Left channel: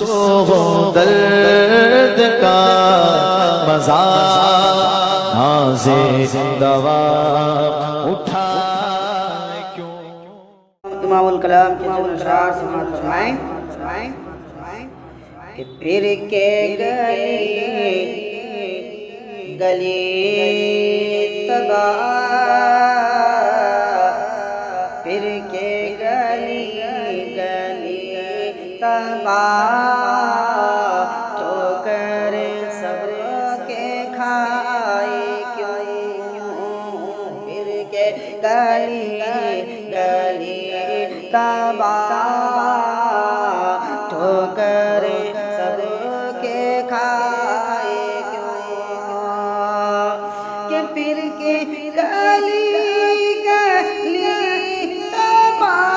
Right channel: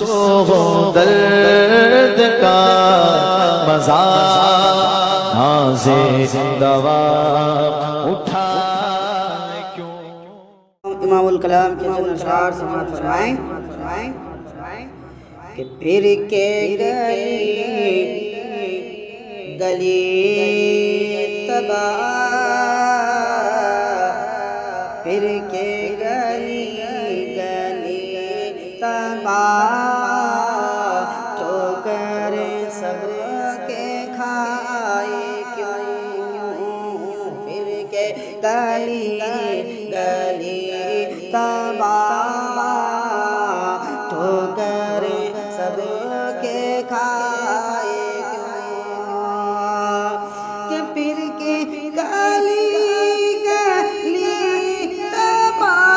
जिसको हो दर्द का मजा नाज़े दवा उठा क्यों। इमामुल कलाम के चंद अशआर समाअत फरमाएं कि फिर के गली तबाह, फिर के गली तबाह, ठोकर सबके खाए क्यों। फिर के गली तबाह, ठोकर सबके खाए क्यों। कि फिर के गली तबाह,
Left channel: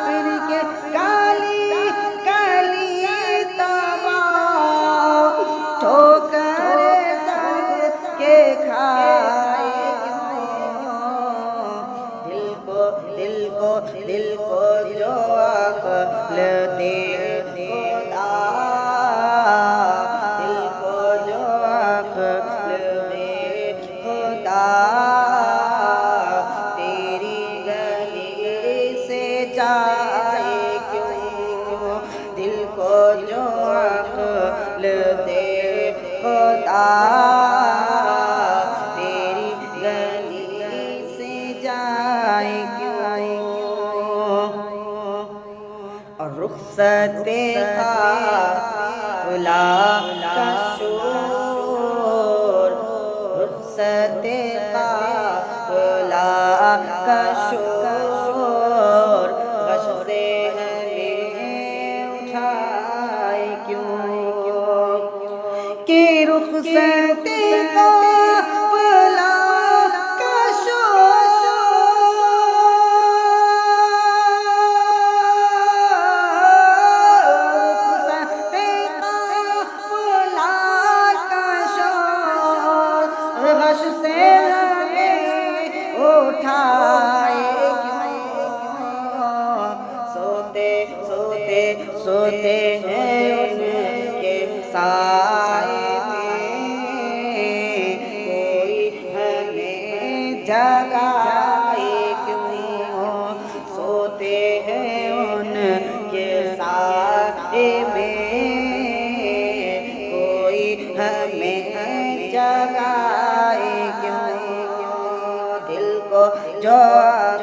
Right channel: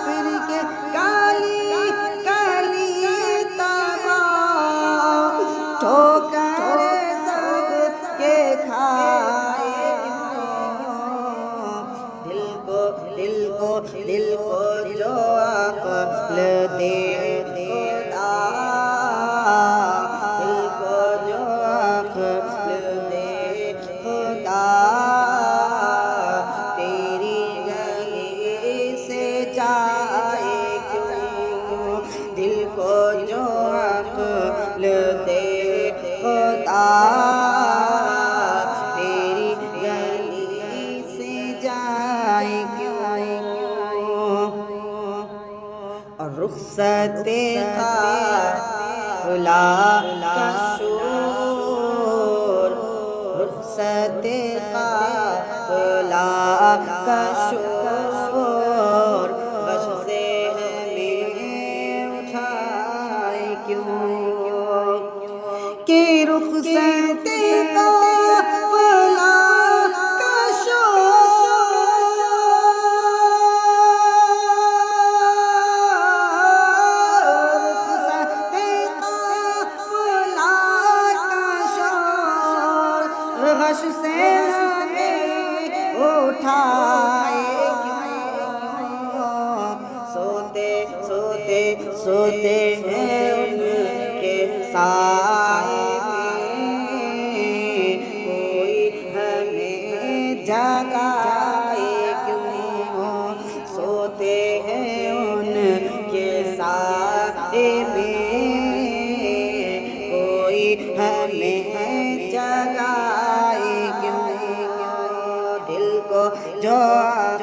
फिर के गली तबाह, ठोकर सबके खाए क्यों। दिल को जो अक्ल दे खुदा, दिल को जो अक्ल दे खुदा, तेरी गली से जाए क्यों। दिल को जो अक्ल दे खुदा, तेरी गली से जाए क्यों। और रुखसते काफिला का शोर, रुखसते काफिला का शोर, गश से हमें उठाए क्यों। कि रुखसते काफिला का गश से हमें उठाए क्यों। सोते हैं उनके साए में, कोई हमें जगाए क्यों। सोते हैं उनके साए में, कोई हमें जगाए क्यों। दिल को जो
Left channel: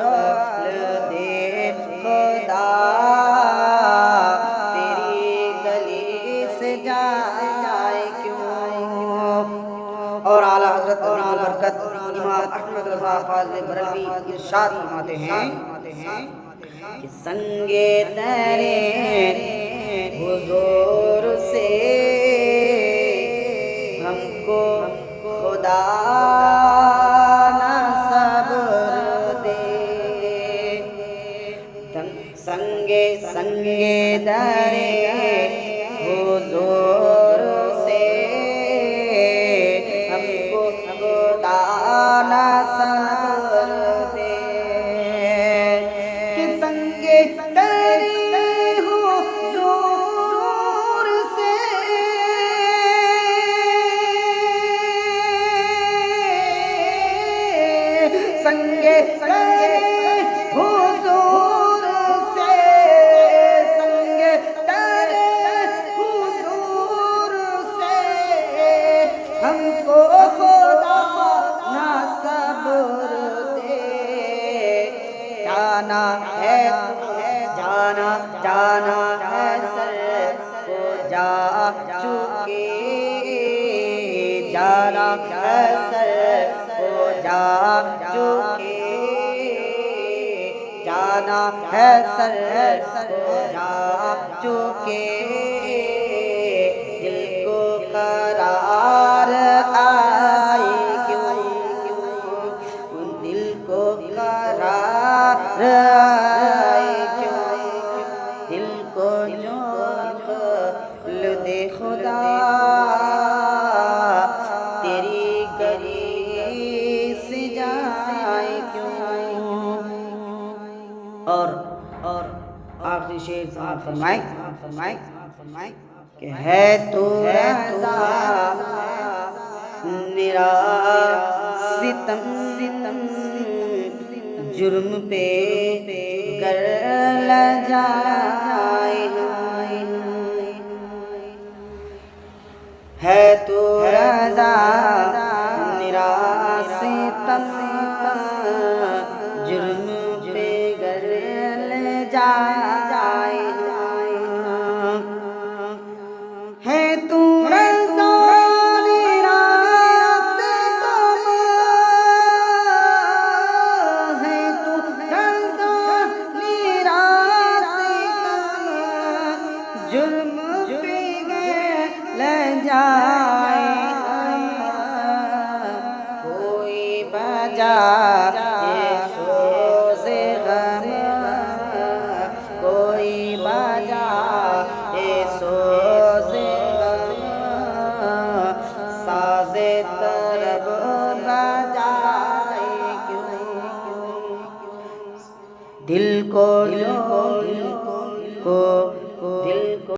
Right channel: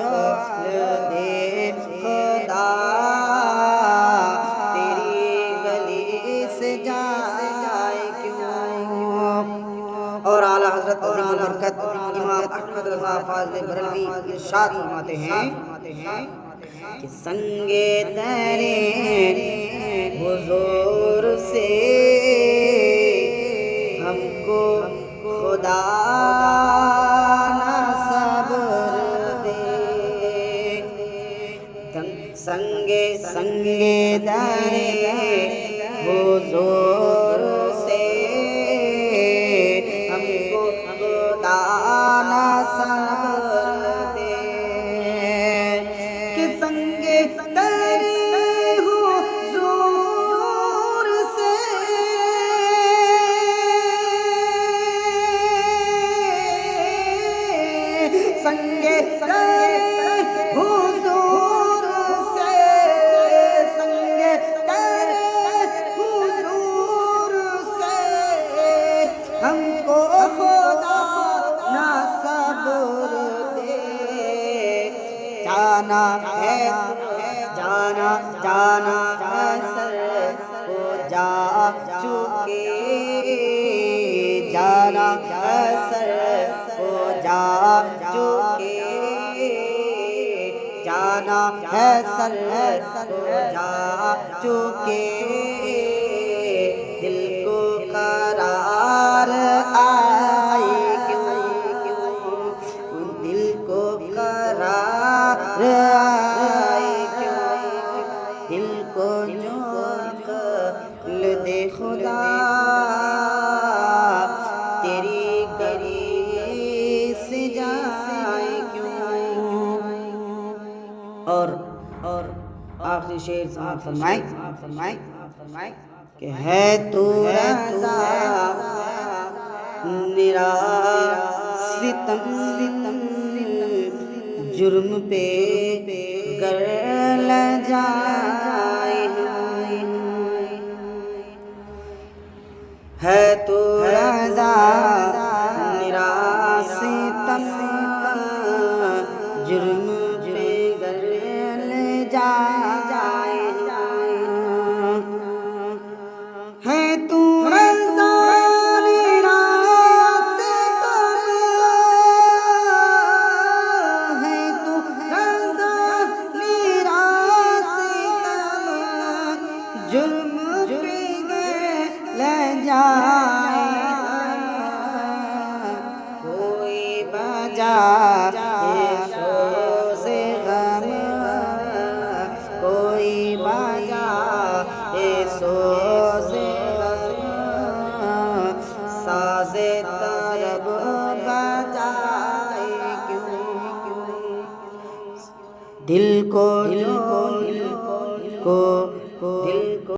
अक्ल दे खुदा, तेरी गली से जाए क्यों। और आला हज़रत बरकत इमाम अहमद रज़ा फ़ाज़िल बरलवी इरशाद फरमाते हैं कि संगे तेरे हुज़ूर से हमको खुदा ना सब्र दे। संगे तेरे हुज़ूर से हमको खुदा ना सब्र दे। कि संगे तेरे हुज़ूर से संगे हुज़ूर से, संगे तेरे हुज़ूर से हमको खुदा ना सब्र दे। जाना है सर को जा चुके, जाना है सर को जा चुके, जाना है सर को जा चुके। दिल को करार आए क्यों। दिल को करार आए क्यों। दिल को जो अक्ल दे खुदा, तेरी गली से जाए क्यों। और आखिरी शेर समाअत फरमाए कि है तो रज़ा मेरा सितम जुर्म पे कर ल जाए, है तो रज़ा मेरा सितम जुर्म पे कर ल जाए, है तू रज़ा मेरा सितम, है तू रज़ा मेरा सितम जुर्म पे ले जाए, कोई बजा ये सोज़े गम, कोई बजा ये सोज़े गम, साज़े तरब बजाए क्यों, दिल को